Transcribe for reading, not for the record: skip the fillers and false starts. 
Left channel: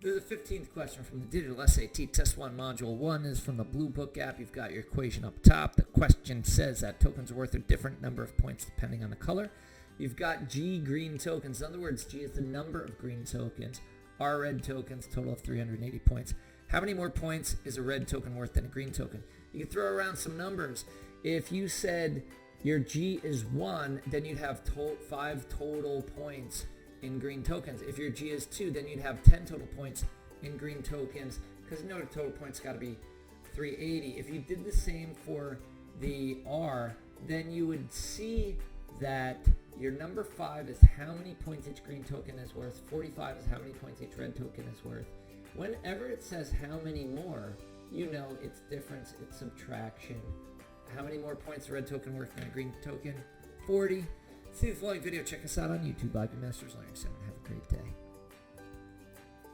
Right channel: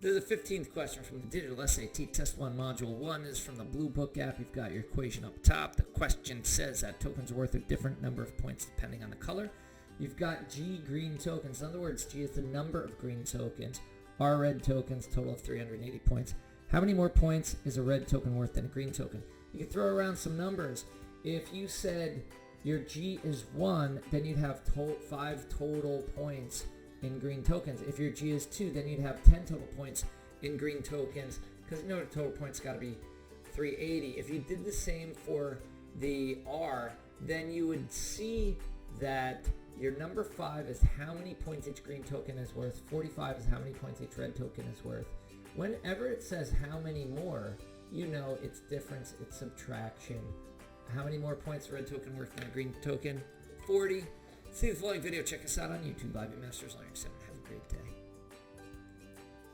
The 15th question from the Digital SAT Test 1 Module 1 is from the Bluebook app. You've got your equation up top. The question says that tokens are worth a different number of points depending on the color. You've got G green tokens. In other words, G is the number of green tokens. R red tokens, total of 380 points. How many more points is a red token worth than a green token? You can throw around some numbers. If you said your G is 1, then you'd have 5 total points in green tokens. If your G is 2, then you'd have 10 total points in green tokens, because you know the total points got to be 380. If you did the same for the R, then you would see that your number 5 is how many points each green token is worth, 45 is how many points each red token is worth. Whenever it says how many more, you know it's difference, it's subtraction. How many more points a red token worth than a green token? 40. See the following video. Check us out on YouTube. IB Masters Learning Center. Have a great day.